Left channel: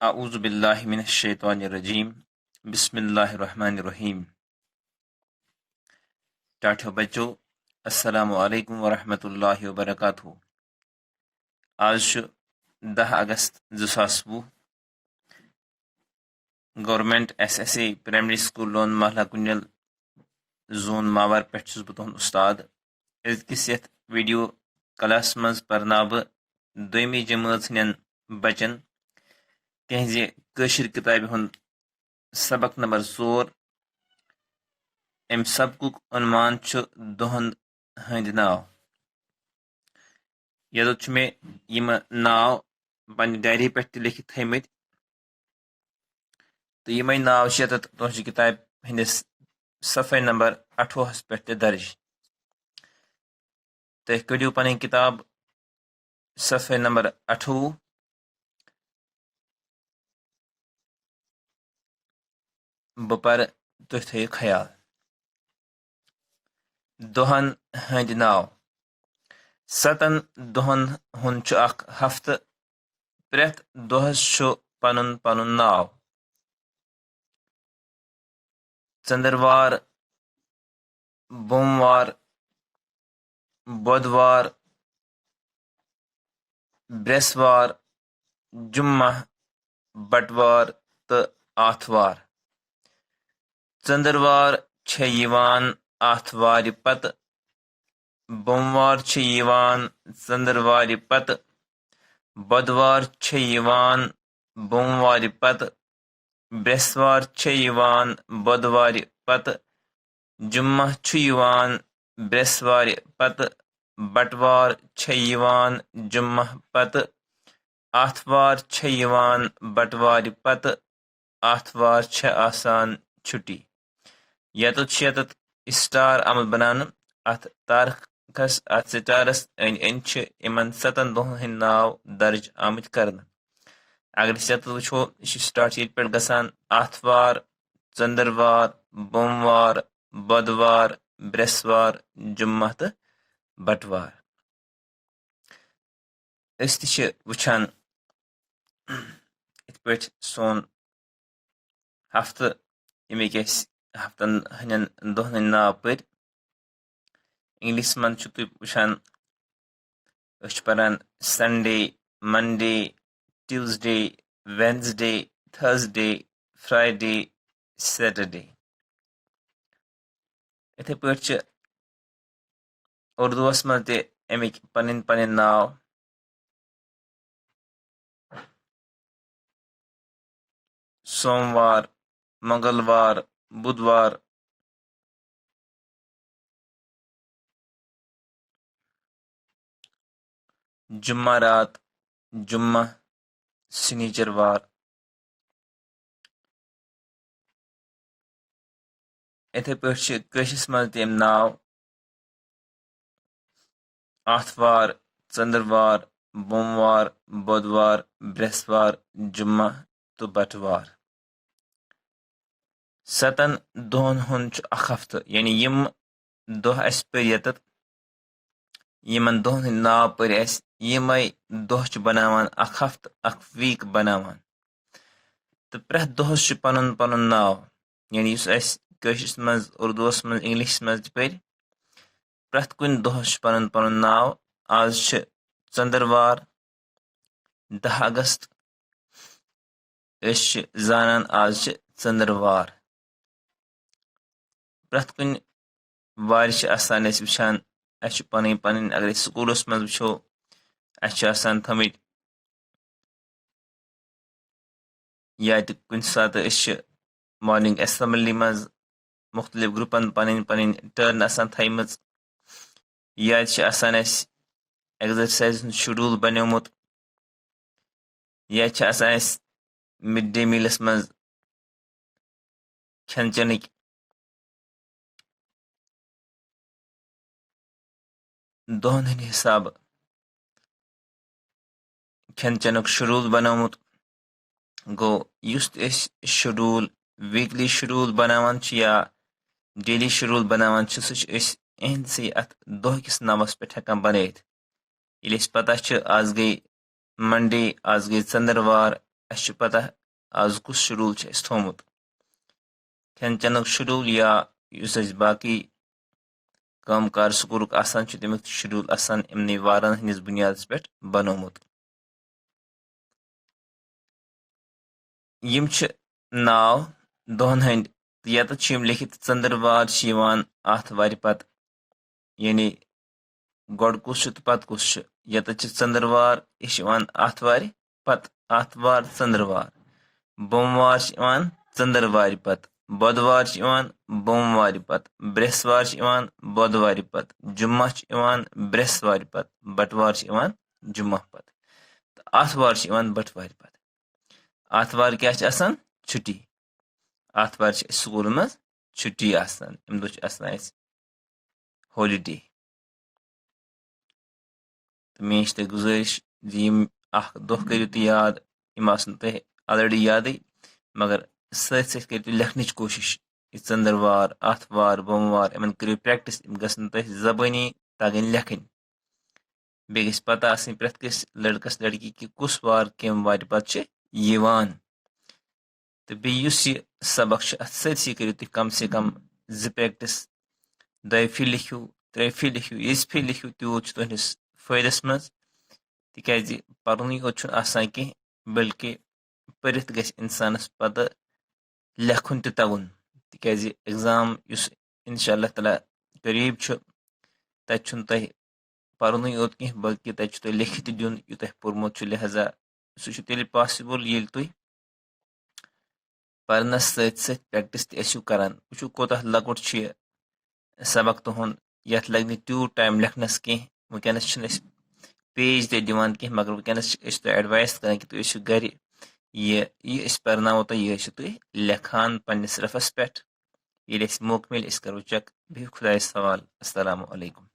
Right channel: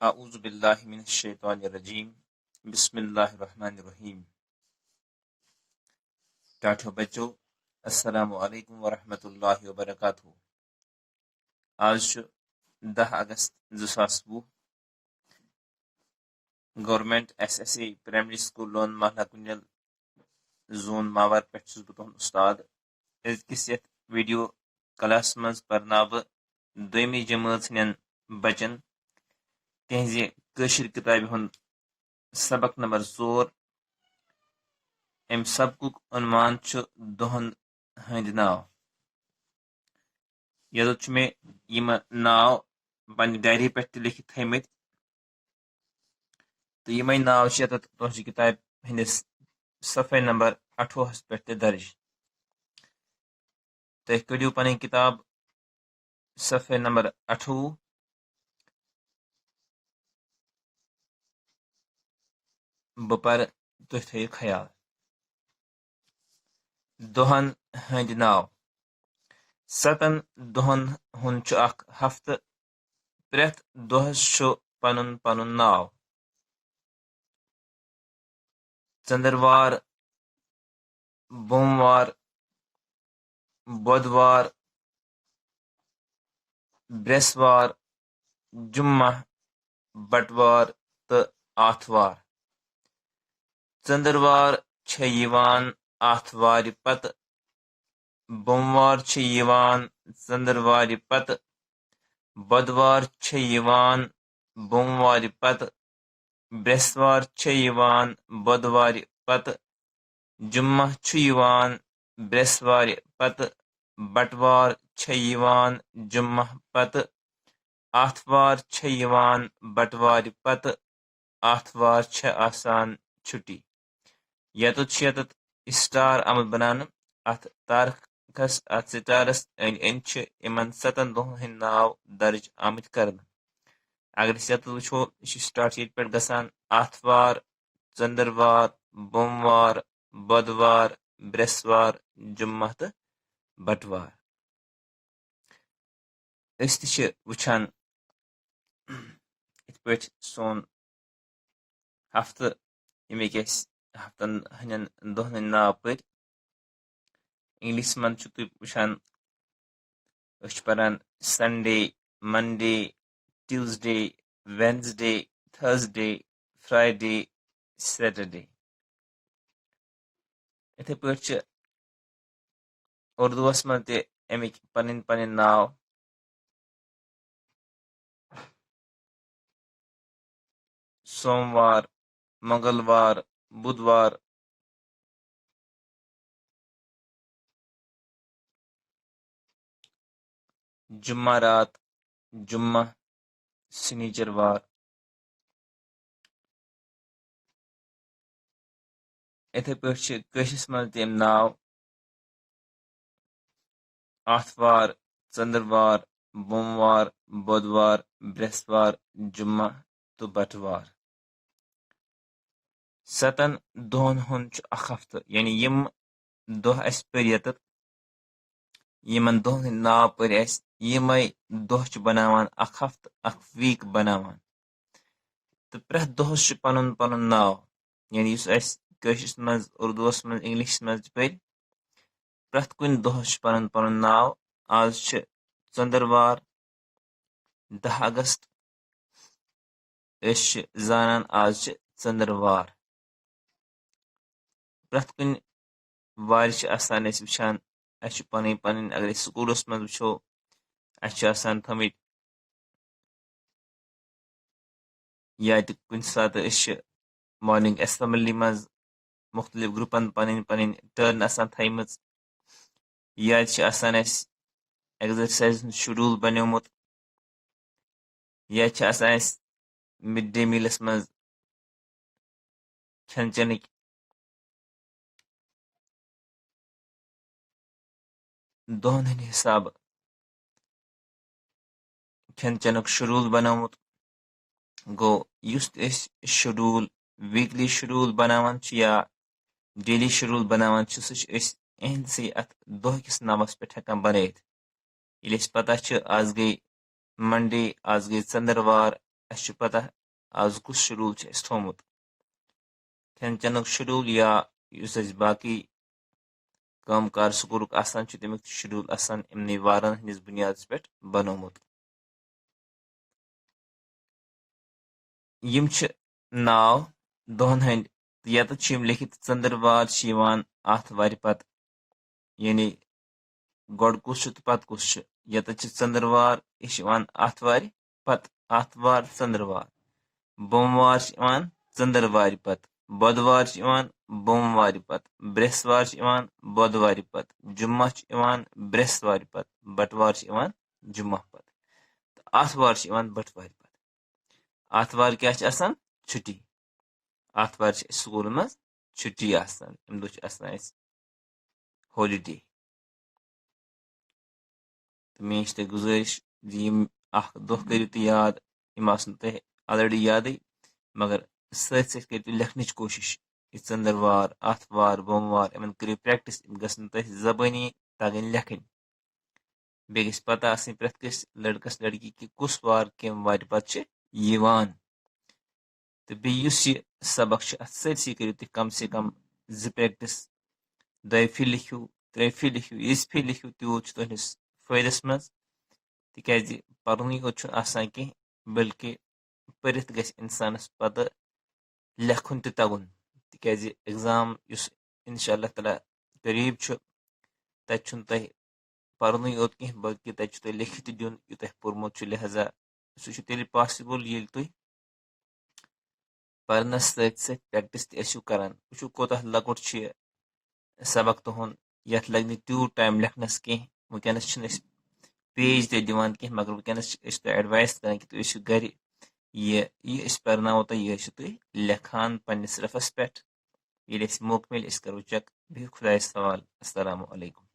अऊज़ु बिल्लाहि मिनश शैतानिर रजीम बिस्मिल्लाहिर रहमानिर रहीम। टाठियो बच्चों, अस्सलामु अलैकुम व रहमतुल्लाहि व बरकातुहू। आज 10 अगस्त 2020 government SSA primary school loan महला कुंजल जोन मावर पे तुहद उस्ताद। अजकिस यथ वीडियो क्लास मज परना बह दोमी जमात हन बचन तिहज कशिर किताब हुंद सबक नंबर 4। अम सबकुक उन्वान दोहन हंद नाव। ये मे यम नाव पन्ने डायरी पे लिखित थमत तो यम नाव तुह किताब हंदिस सफ़े नंबर 28 पे दर्ज। तुम कड़ियो पन किताब सफ़े नंबर 28। बह पर तुह थो ख्याल। दोहन हंद नाव। 7 दोहन हुंद हफ्त। प्रेथ दोहस पनुन पनुन नाव। चंद्रवार, बोमवार, बुधवार, ब्रेसवार, जुम्मा, बटवार तो आथवार। चंद्रवार आथवार पत, बोमवार चंद्रवार पत, बुधवार बोमवार पत, ब्रेसवार बुधवार पत, जुम्मा ब्रेसवार पत, बटवार जुम्मा पत, आथवार बटवार पत, आथवार आसान छुट्टी। यत स्टार अमल बनान अथ तारखस अथ स्टारस अन 7 दोहन हंद नाव दर्ज आमत कर। अगर यत वो स्टार्ट ये पे गसान आथवार, चंद्रवार, बोमवार, बुधवार, ब्रेसवार, जुम्मा तो बटवार। वुचान इत पे सोन हफ्त यमिक हफ्तन हंदन दोहन नाव पर इंग्लिश मन तुम वुचान पान Sunday, Monday, Tuesday, Wednesday, Thursday, Friday, Saturday. इथे पे उर्दूस मज ते अमिक पन पन नाव। सोमवार, मंगलवार, बुधवार, जुम्मारात, जुम्मा, शनिचरवार। इथे पे कशिस मज तम नाव आथवार, चंद्रवार, बोमवार, बुधवार, ब्रेसवार, जुम्मा तो बटवार। 7 दोहन हुंद हफ्त यानी यम दोह अस पर यत यमन दोहन हंद नाव पर यमै दोह बनावान हफ्त वीक बनावान। तो प्रेथ दोहस पनुन पनुन नाव यानी कशिस मज, उर्दूस मज, इंग्लिश मज पर प्रेथ कुन दोहस पनुन पनुन नाव। आज चंद्रवार 10 अगस्त जानान आज चंद्रवार। प्रेथ कुन वार आसान वुचान पन पन अगर स्कूलस मज वो आसान थमित या कुन सात मॉर्निंग असेंबली मज मुख्तलिफ ग्रुपन पन पन टर्न आसान थमच या आसान एक्सरसाइज शेड्यूल बनियोमुत या आसान मिड डे मीलस मज खेन चेनिक दोहन हंद हिसाब खेन चेनुक शेड्यूल बनोमुत गो। युस शेड्यूल वीकली शेड्यूल बनावान या डेली शेड्यूल बनावान सह अत दोह किस नावस पे हेकान बनत। ये पता आज गई मंडे, आज गई चंद्रवार, अस पता आज कुछ शेड्यूल थोमुत खेन चेनुक शेड्यूल या बाकी काम कार स्कूल तमिक शेड्यूल इमन वारन हंदिस बुनियाद पे बनोमुत यम नाव दोहन हंद यत लिखित चंद्रवार आथवार पत यानी गोड कुछ तो पत कुछ यत चंद्रवार यह आथवार पत आथवार चंद्रवार बोमवार चंद्रवार पत बुधवार बोमवार पत बृहस्वार बुधवार पत जुम्मा बृहस्वार पत बटवार जुम्मा पत आथवार बटवार पत आथवार क्या छुट्टी आथवार स्कूल मज छुट्टी अम दो हॉलीडे तो मे ते गुजारिश दह करू तुम याद यम तुम ऑलरेडी याद मगर सत कर लिखन कोशिश चंद्रवार आथवार बोमवार इन करो प्रैक्टिस गसन तुम जबानी तगन लिखन बे गस पता प्रेथ कस लड़कस लड़की कि कुस वार कम वार पत तो बेस यह सबक सत्सी करो तुम कम से कम जो प्रैक्टिस दो फि लिखियो त्रे फि लिखियो यज फि लिखियो तूत तुहस फायदस मज तिकाज पर्न योत कह बल्कि परित गस इंसानस पता लेखन तगुन तिकाज एग्जाम इंशाअल्लाह ताला करीब तत तुम पर्न योत कह बल्कि तत लिखित दिन यू तुम पोर्मुत लिहाजा सह तेल पॉसिबल ये तुम पर्नस सत प्रैक्टिस तू करान वो कोता लकुट सबक तुहद यथ लग तूत टाइम लिखनस कह वनकस पेज दिवान कह मगर वनकस एडवाइस करान कि तुम घर यह पर्नावो तुम यह तुम लिखान पन्नस रफस पे ये मौक मिल करो चेक बिहु खुदायस हवाल। अस्सलामु अलैकुम।